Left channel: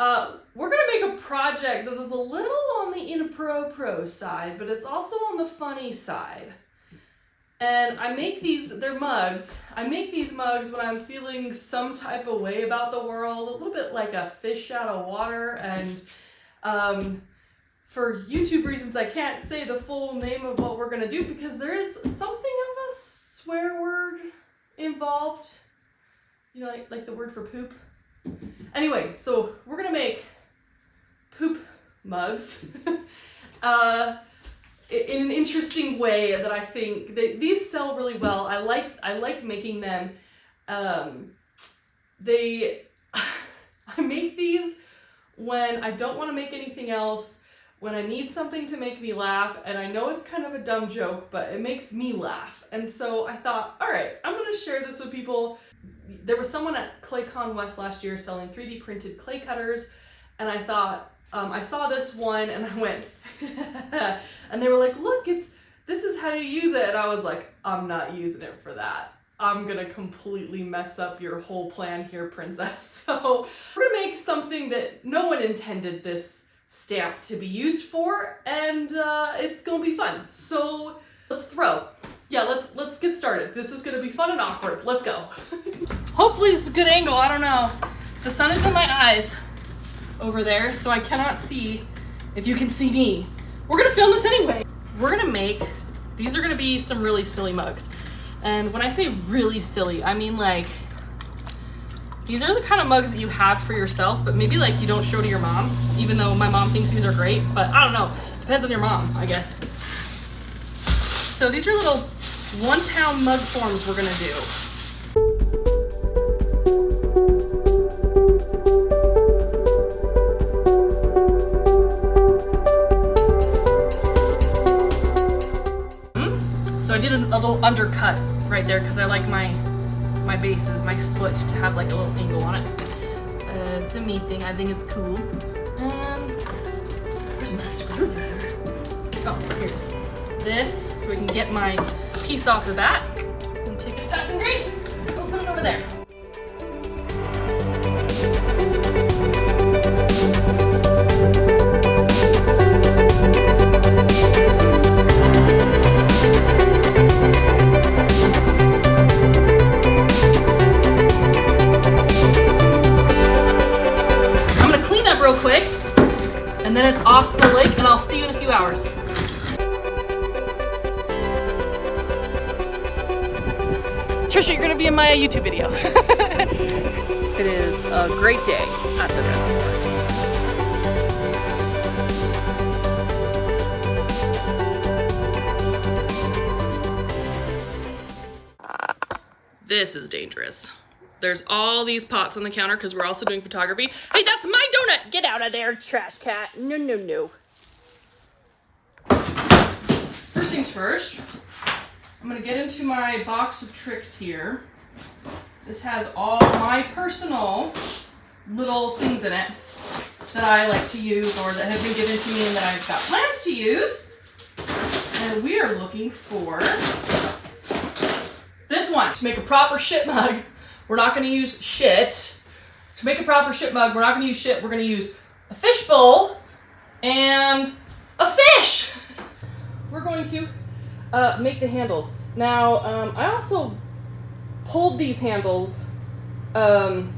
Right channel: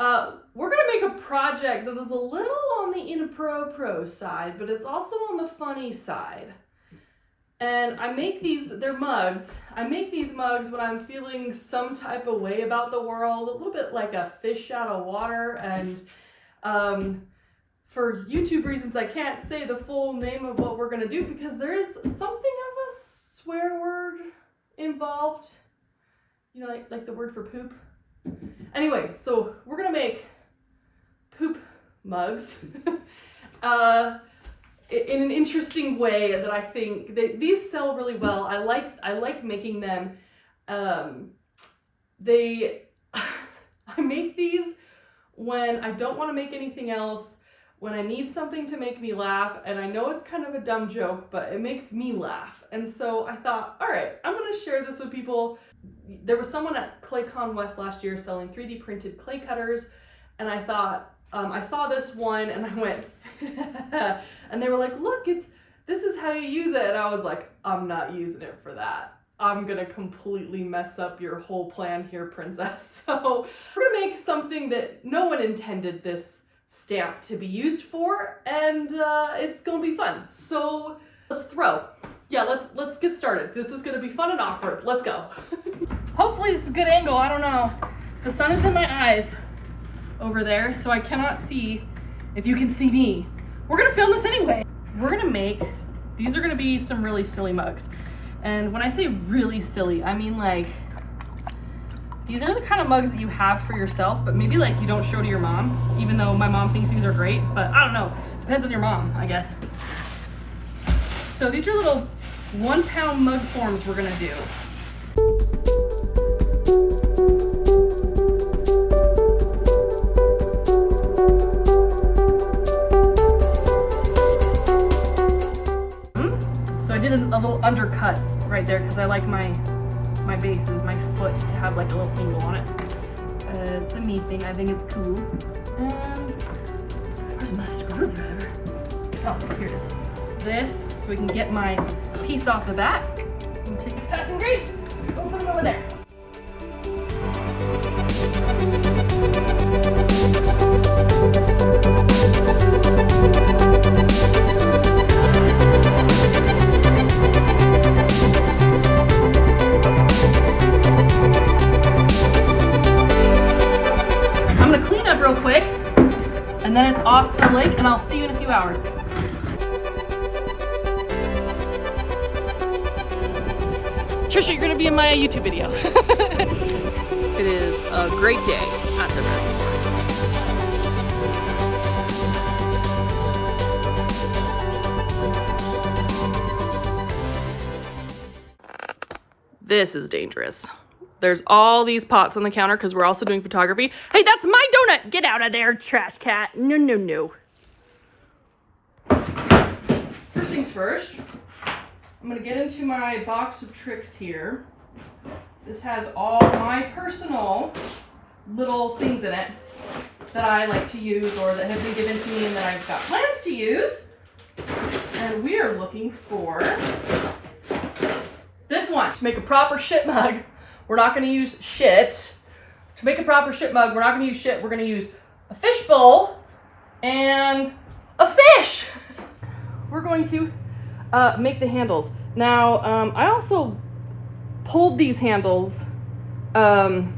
We're gonna make a project that is a little on the inappropriate side, but it's also on the funny side. And I make these, they're mugs. I make these mugs when I'm feeling some type of way about the world, a little bit like a fish out of water. And for YouTube reasons, I can't say the full name of what we're gonna do because there is something of a swear word involved. You know, like the word for poop. Anyway, so we're gonna make poop mugs in an interesting way that I think these sell really well. I like making them. I make these when I don't want to make anything else, when I need something to make me laugh, and I know it's kind of a dumb joke, but it makes me laugh. And so I thought, all right, I'm gonna share this with people. There was someone at ClayCon West last year selling 3D printed clay cutters, and I thought, I saw this one and I went, and they were like, look, this is how you use it. And I was like, I'm not using it for that. I'm gonna completely mess up your whole plan here, princess. So we're gonna make something that no one intended this stamp to be used for, and it's gonna be fun. So let's throw. Yeah, let's get started. This is gonna be fun and awkward. Let's go. Hopefully it's a good angle, I don't know. The sun is in my eyes over there, so I cannot see if you can see me. We're gonna film this anyway. We're gonna make, these are gonna be some really silly mugs. And when I say really silly, I mean like, these are the kind of mugs that you have for yourself, but maybe like you don't show to your mom, even though my mom thinks these are great, but I don't know. Depends on your mom, I guess. So these are little 1 pound mug forms we're gonna do. So I did a little undercut right there because I like my bases, my foot, to have like a little angle on it. It's a me thing, I think it's cool. And where's my screwdriver? Oh, here it is. This, so we can get my piece off the bat. And take this passing green, we'll put it over there. Real quick, and then it's off to the lake, and I'll see you in a few hours. Trisha, you're gonna be in my YouTube video. It is a great day at the reservoir. This is dangerous. There's all these pots on the counter because we're also doing photography. Hey, that's my donut! Get out of there, trash cat. No, no, no. First things first, I'm gonna get into my box of tricks here. This has all my personal little things in it that I like to use or that have been given to me and that I've got plans to use. And we are looking for this one to make a proper shit mug. We're not going to use shit. To make a proper shit mug, we're not going to use shit. We're going to use a fish bowl and a fish. We're going to make the handles. Now, I also pulled these handles 4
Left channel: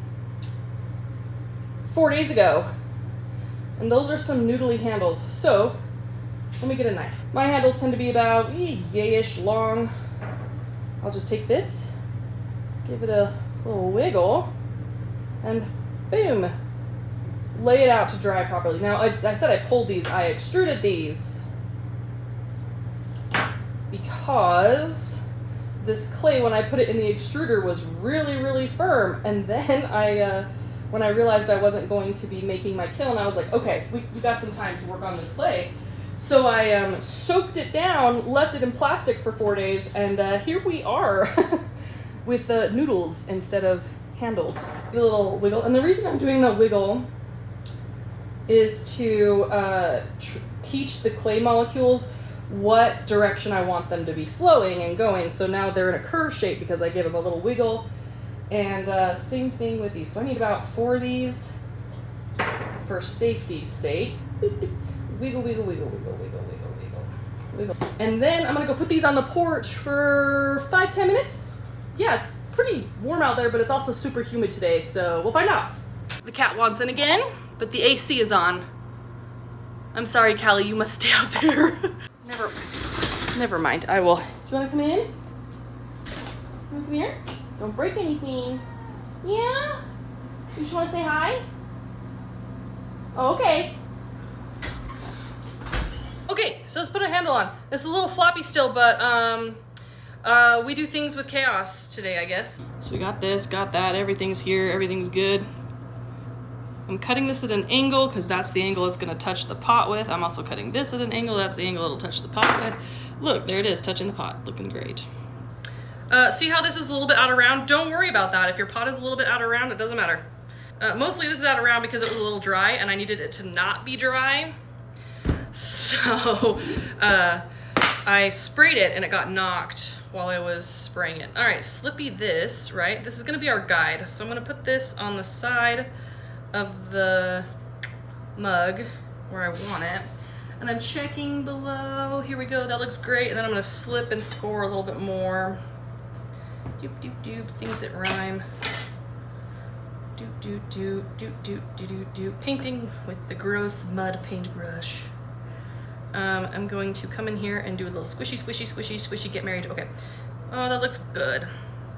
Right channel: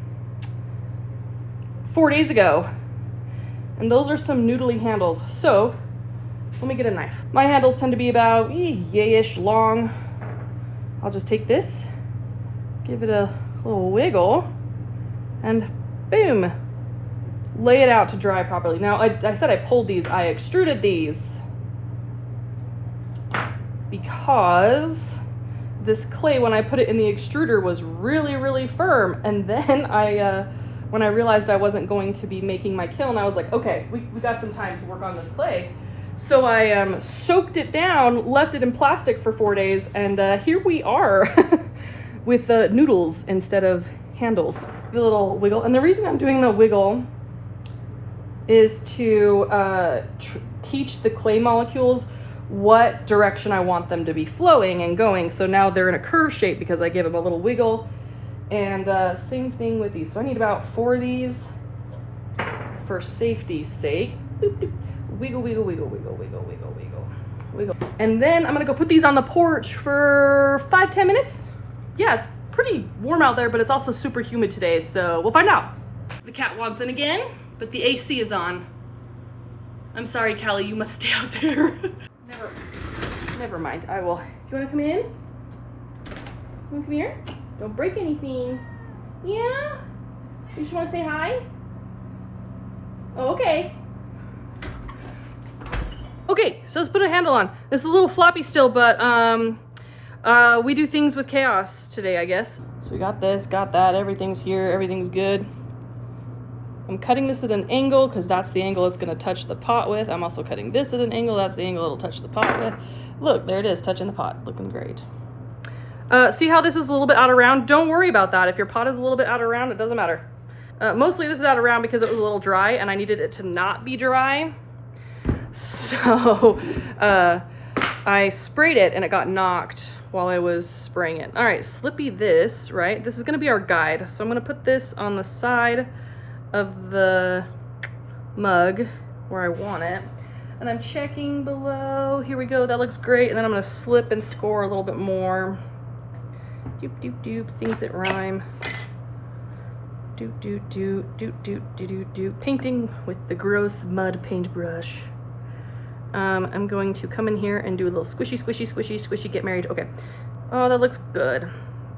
days ago. And those are some noodly handles. So, let me get a knife. My handles tend to be about yay-ish long. I'll just take this, give it a little wiggle, and boom, lay it out to dry properly. Now, I said I pulled these, I extruded these because this clay, when I put it in the extruder, was really, really firm. And then when I realized I wasn't going to be making my kiln, I was like, okay, we got some time to work on this clay. So I soaked it down, left it in plastic for 4 days, and here we are with noodles instead of handles. Do a little wiggle, and the reason I'm doing the wiggle is to teach the clay molecules what direction I want them to be flowing and going. So now they're in a curve shape because I give them a little wiggle. And same thing with these. So I need about 4 of these. for safety's sake. Wiggle, wiggle, wiggle, wiggle, wiggle, wiggle, wiggle, wiggle. And then I'm gonna go put these on the porch for 5-10 minutes. Yeah, it's pretty warm out there, but it's also super humid today, so we'll find out. The cat wants in again, but the AC is on. I'm sorry, Callie, you must stay out there. Never mind, I will. Do you wanna come in? You wanna come here? Don't break anything. Yeah? You just wanna say hi? Oh, okay. Okay, so let's put a handle on. This is a little floppy still, but we do things with chaos today, I guess. So we got this, got that, everything's here, everything's good. I'm cutting this at an angle because that's the angle it's gonna touch the pot with. I'm also cutting this at an angle, that's the angle it'll touch the pot with. Look, there it is, touching the pot, looking great. See how this is a little bit out of round? Don't worry about that. If your pot is a little bit out of round, it doesn't matter. Mostly this is out of round because it was a little dry and I needed it to not be dry. So I sprayed it and it got knocked while I was spraying it. All right, Slippy this, right? This is gonna be our guide. So I'm gonna put this on the side of the mug where I want it. And I'm checking below. Here we go, that looks great. And then I'm gonna slip and score a little bit more. Doop, doop, doop, things that rhyme. Doop, doop, doop, doop, doop, doop, doop, doop. Painting with the gross mud paintbrush. I'm going to come in here and do a little squishy, squishy, squishy, squishy, get married. Okay. Oh, that looks good.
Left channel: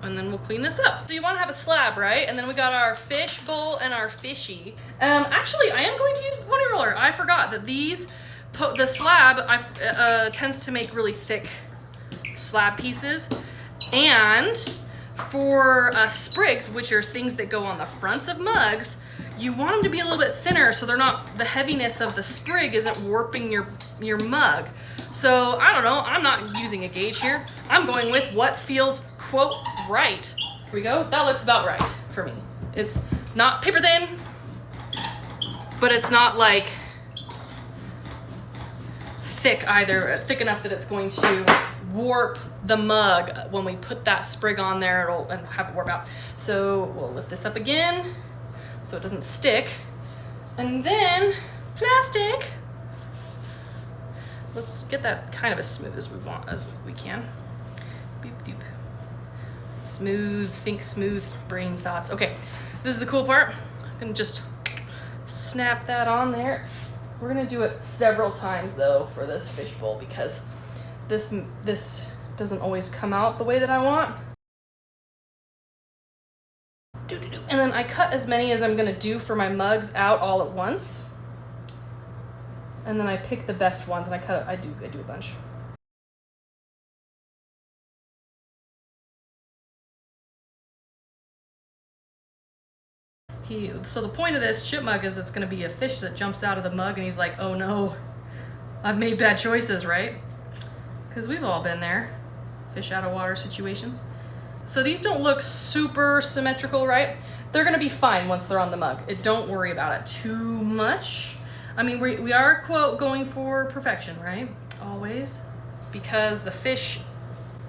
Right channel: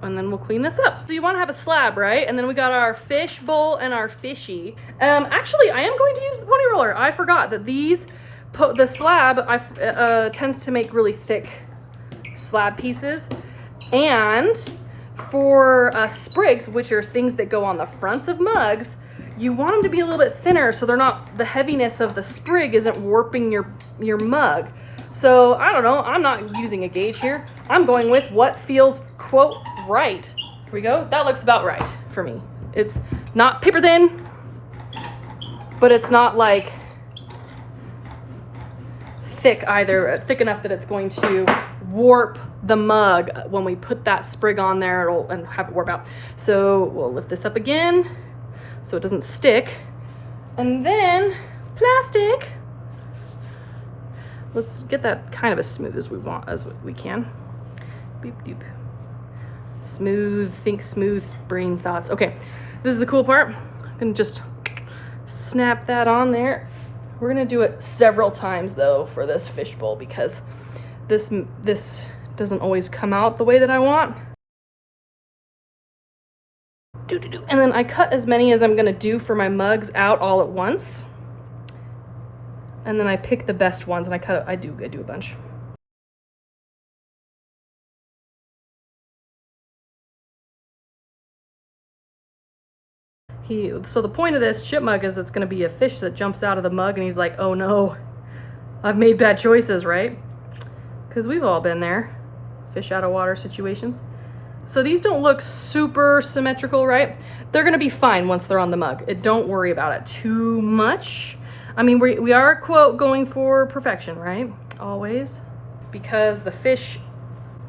And then we'll clean this up. So you want to have a slab, right? And then we got our fish bowl and our fishy. Actually, I am going to use the pony roller. I forgot that the slab tends to make really thick slab pieces. And for sprigs, which are things that go on the fronts of mugs, you want them to be a little bit thinner so the heaviness of the sprig isn't warping your mug. So I don't know, I'm not using a gauge here. I'm going with what feels, quote, right. Here we go, that looks about right for me. It's not paper thin, but it's not like thick either, thick enough that it's going to warp the mug when we put that sprig on there and have it warp out. So we'll lift this up again so it doesn't stick. And then plastic. Let's get that kind of as smooth as we can. Beep, beep. Smooth, think smooth, brain thoughts. Okay, this is the cool part. I'm gonna just snap that on there. We're gonna do it several times though for this fishbowl because this doesn't always come out the way that I want. And then I cut as many as I'm gonna do for my mugs out all at once. And then I pick the best ones and I do a bunch. So the point of this ship mug is it's gonna be a fish that jumps out of the mug and he's like, oh no, I've made bad choices, right? Because we've all been there, fish out of water situations. So these don't look super symmetrical, right? They're gonna be fine once they're on the mug. Don't worry about it too much. I mean, we are, quote, going for perfection, right? Always. Because the fish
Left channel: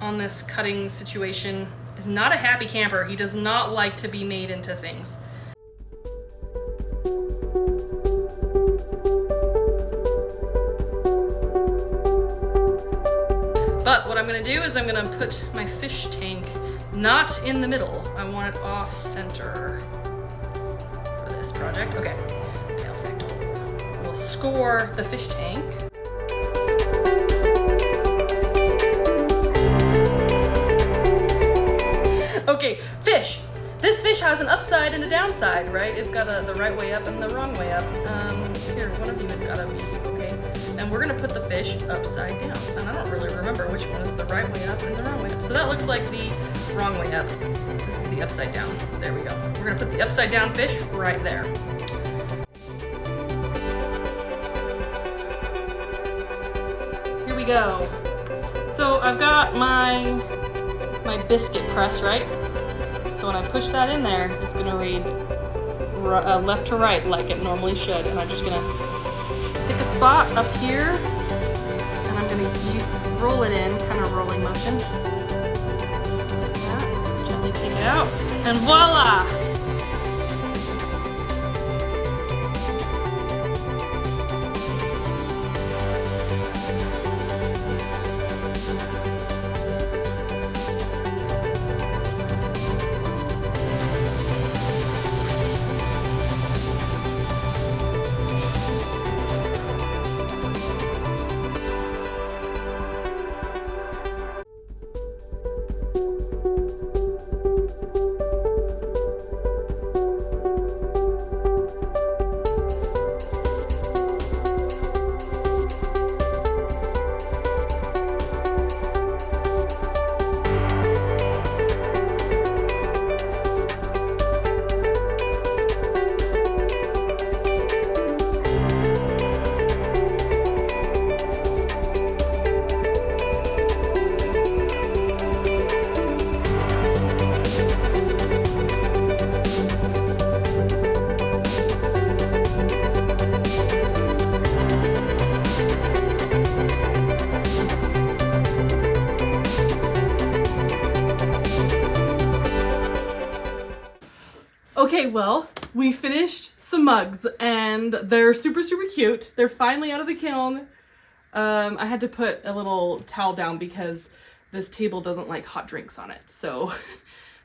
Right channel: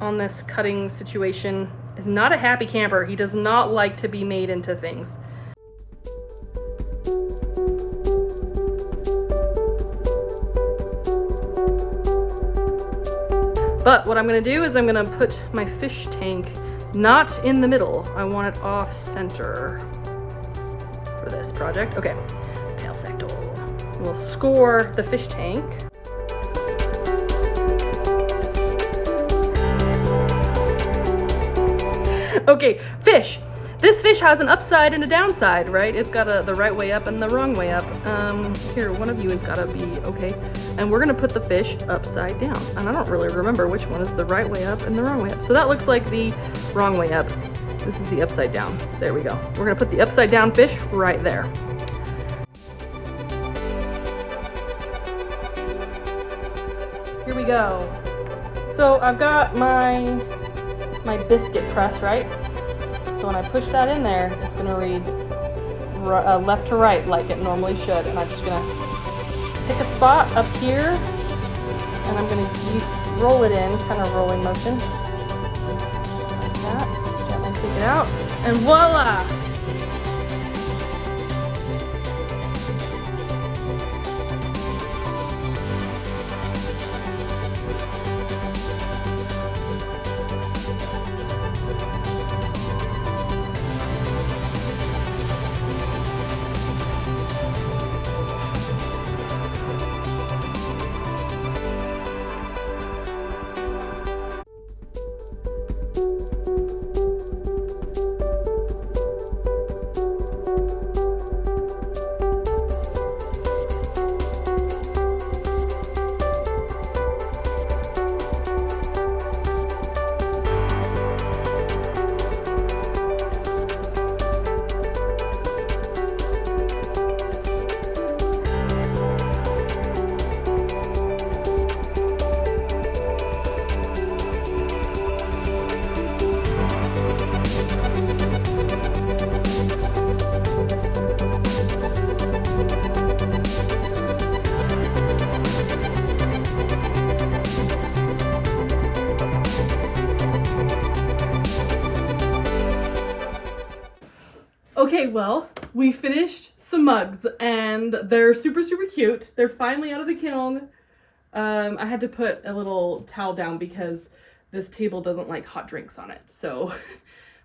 on this cutting situation is not a happy camper. He does not like to be made into things. But what I'm gonna do is I'm gonna put my fish tank not in the middle. I want it off center for this project. Okay, we'll score the fish tank. Okay, fish. This fish has an upside and a downside, right? It's got the right way up and the wrong way up. Here, one of you has gotta be, okay. And we're gonna put the fish upside down. And I don't really remember which one is the right way up and the wrong way up. So that looks like the wrong way up. This is the upside down. There we go. We're gonna put the upside down fish right there. Here we go. So I've got my biscuit press, right? So when I push that in there, it's gonna read left to right like it normally should. And I'm just gonna pick a spot up here and I'm gonna roll it in, kind of rolling motion. Like that, gently take it out, and voila! Okay, well, we finished some mugs and they're super, super cute. They're finally out of the kiln. I had to put a little towel down because this table doesn't like hot drinks on it. So,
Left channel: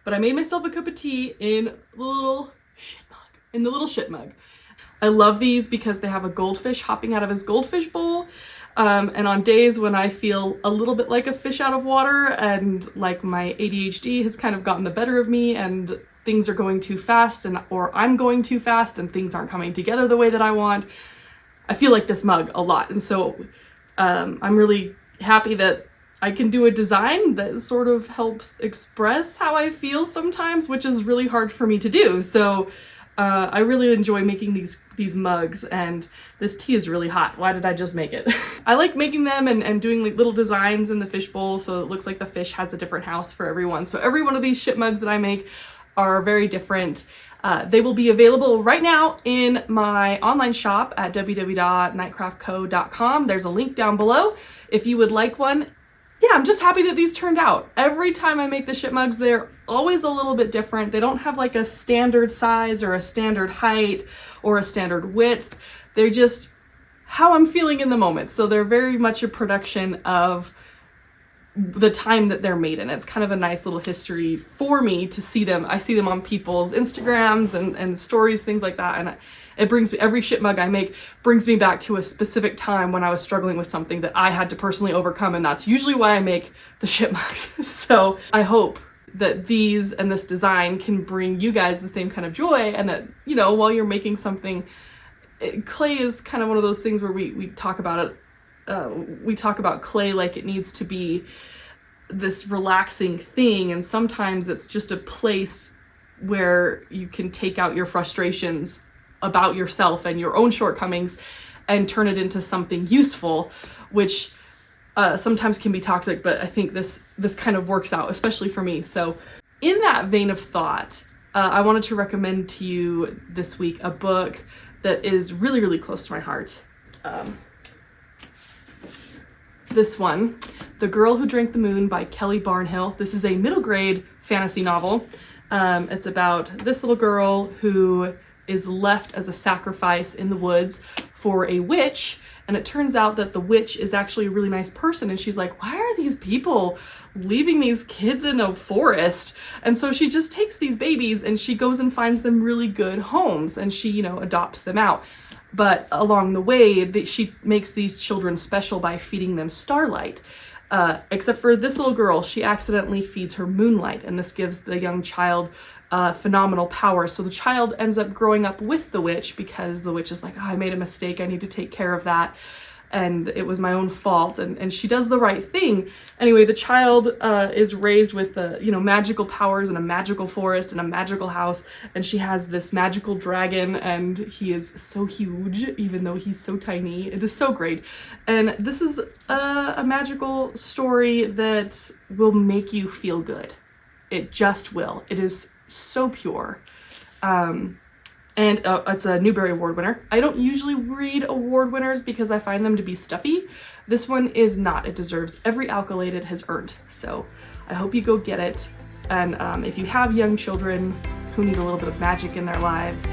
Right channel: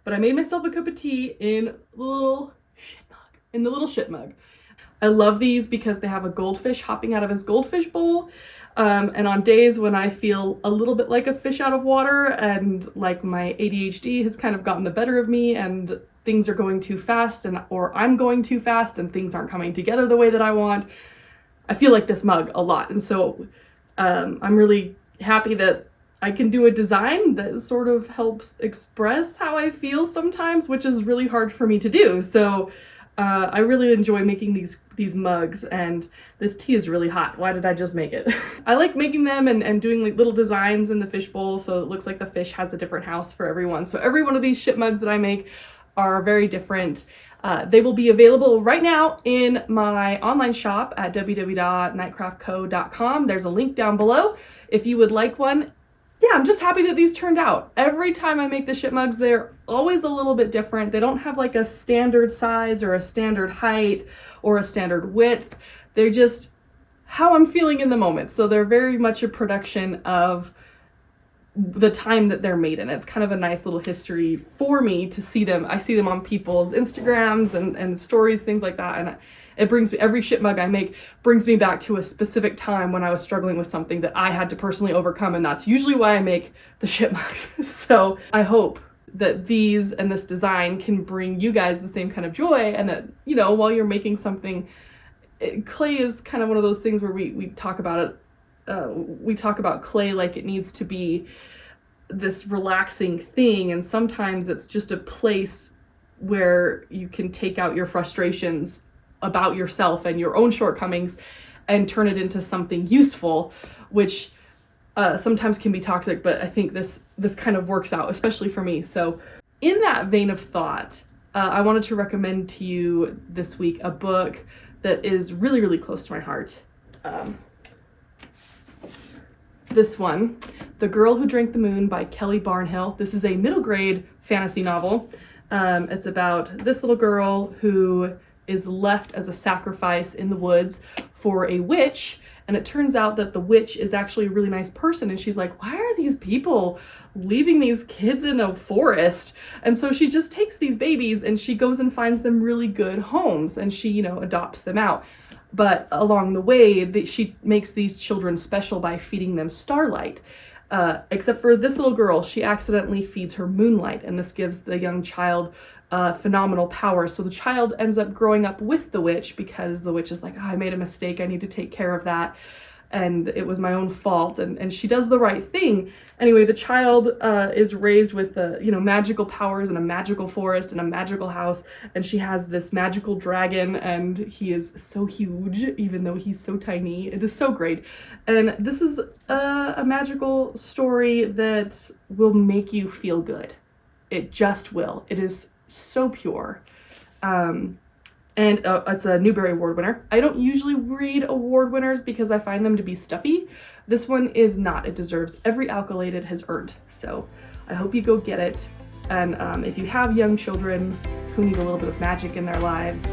but I made myself a cup of tea in the little shit mug. I love these because they have a goldfish hopping out of his goldfish bowl. And on days when I feel a little bit like a fish out of water and like my ADHD has kind of gotten the better of me and things are going too fast or I'm going too fast and things aren't coming together the way that I want, I feel like this mug a lot. And so I'm really happy that I can do a design that sort of helps express how I feel sometimes, which is really hard for me to do. So I really enjoy making these mugs, and this tea is really hot. Why did I just make it? I like making them and doing like little designs in the fish bowl so it looks like the fish has a different house for everyone. So every one of these shit mugs that I make are very different. They will be available right now in my online shop at www.nightcraftco.com. There's a link down below if you would like one. Yeah, I'm just happy that these turned out. Every time I make the shit mugs, they're always a little bit different. They don't have like a standard size or a standard height or a standard width. They're just how I'm feeling in the moment. So they're very much a production of the time that they're made in. It's kind of a nice little history for me to see them. I see them on people's Instagrams and stories, things like that. And it brings me, every shit mug I make brings me back to a specific time when I was struggling with something that I had to personally overcome. And that's usually why I make the shit mugs. So I hope that these and this design can bring you guys the same kind of joy, and that, you know, while you're making something, clay is kind of one of those things where we talk about it. We talk about clay like it needs to be this relaxing thing, and sometimes it's just a place where you can take out your frustrations about yourself and your own shortcomings and turn it into something useful, which sometimes can be toxic, but I think this kind of works out, especially for me. So in that vein of thought, I wanted to recommend to you this week a book that is really, really close to my heart. This one, The Girl Who Drank the Moon by Kelly Barnhill. This is a middle grade fantasy novel. It's about this little girl who is left as a sacrifice in the woods for a witch, and it turns out that the witch is actually a really nice person, and she's like, why are these people leaving these kids in a forest? And so she just takes these babies and she goes and finds them really good homes, and she, you know, adopts them out. But along the way, she makes these children special by feeding them starlight. Except for this little girl, she accidentally feeds her moonlight, and this gives the young child phenomenal power. So the child ends up growing up with the witch because the witch is like, oh, I made a mistake, I need to take care of that, and it was my own fault, and she does the right thing. Anyway, the child is raised with you know, magical powers and a magical forest and a magical house, and she has this magical dragon, and he is so huge even though he's so tiny. It is so great, and this is a magical story that will make you feel good. It just will. It is so pure. And it's a Newbery Award winner. I don't usually read award winners because I find them to be stuffy. This one is not. It deserves every accolade it has earned. So I hope you go get it. And if you have young children who need a little bit of magic in their lives,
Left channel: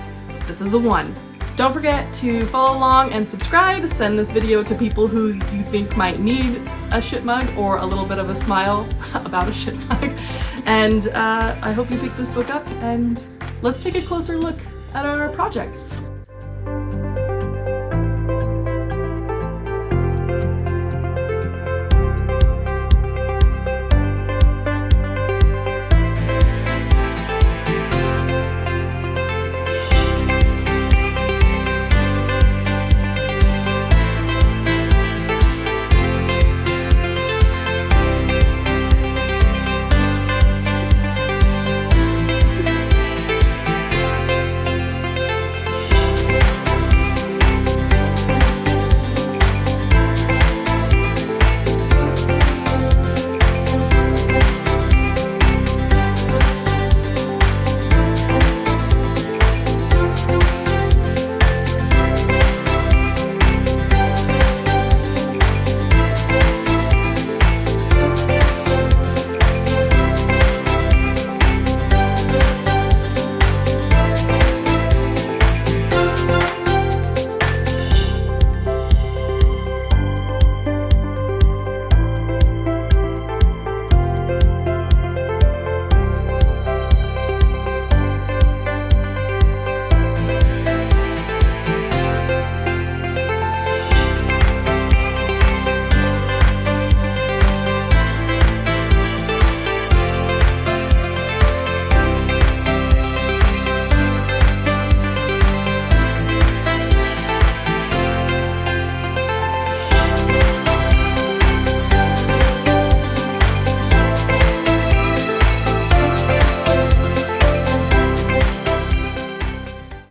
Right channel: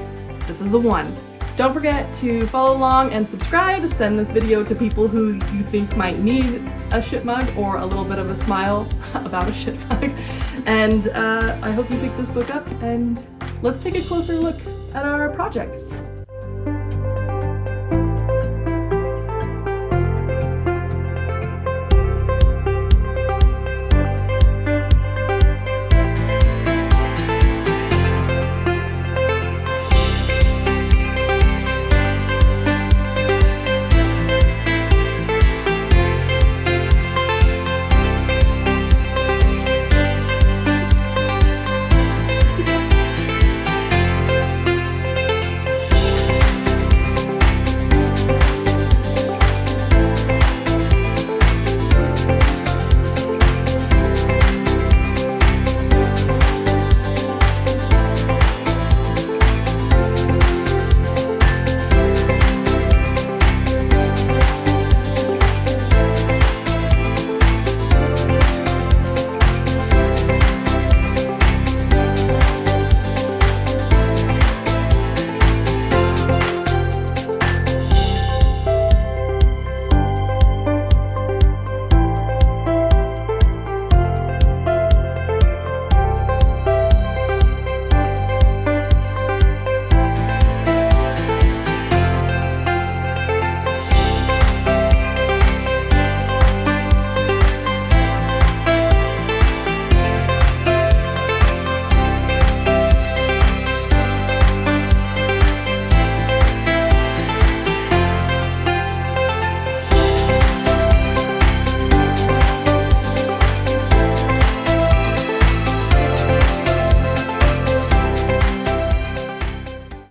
this is the one. Don't forget to follow along and subscribe. Send this video to people who you think might need a shit mug or a little bit of a smile about a shit mug. And I hope you pick this book up, and let's take a closer look at our project.